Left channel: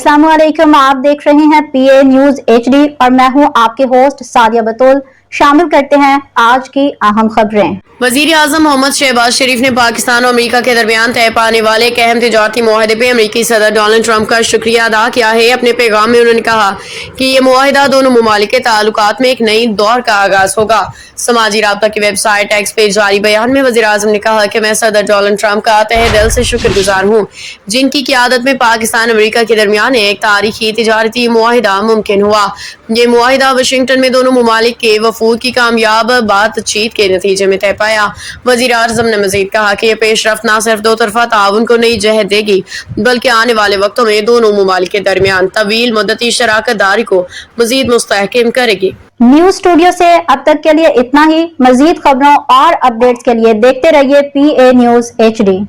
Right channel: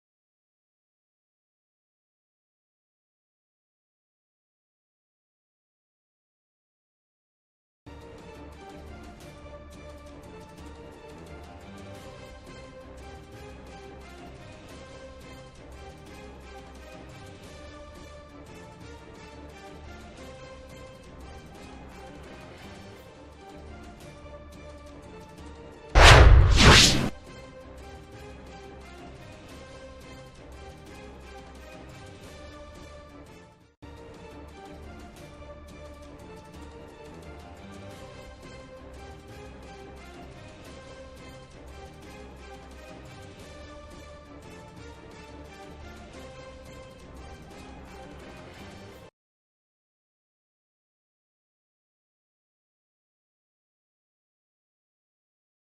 अस्सलाम वालेकुम, आप देख रहे हैं PA न्यूज HD और मैं हूं आपके होस्ट सादिया बतूल। शामिल करते हैं आज की अहम खबरें। वजीर आजम मोहम्मद शहबाज शरीफ ने पाकिस्तान और अमेरिका के दरमियान तय पाने वाले एक अहम तिजारती मुआहदे पे अमेरिकी सदर डोनाल्ड ट्रंप का शुक्रिया अदा किया है। अपने पैगाम में उन्होंने कहा कि ये मुआहदा दोनों मुमालिक के ताल्लुकात में एक नई दौर का आगाज होगा। समाजी राब्ता की वेबसाइट एक्स पे जारी बयान में वजीर आजम ने कहा कि मैं सदर डोनाल्ड ट्रंप का तहे दिल से शुक्रगुजार हूँ, जिनकी क़ियादत में पाकिस्तान अमेरिका के दरमियान एक तारीखी तिजारती मुआहदा मुमकिन हुआ। ये मुआहदा वाशिंगटन में दोनों मुमालिक के वफूद की कामयाब बातचीत के नतीजे में तय पाया। वज़ीर आज़म ने मज़ीद कहा कि यह पेशरफ्त न सिर्फ दो तरफा ताउन को नई जहत देगी, बल्कि आने वाले वक्तों में दोनों मुमालिक के दरमियान तवील मुद्दती शराकत दारी को मज़ीद मुस्तहकम करेगी। न्यूज स्टूडियो से अब तक के लिए इतना ही। मज़ीद खबरों और अपडेट्स के लिए देखते रहिए PA न्यूज HD।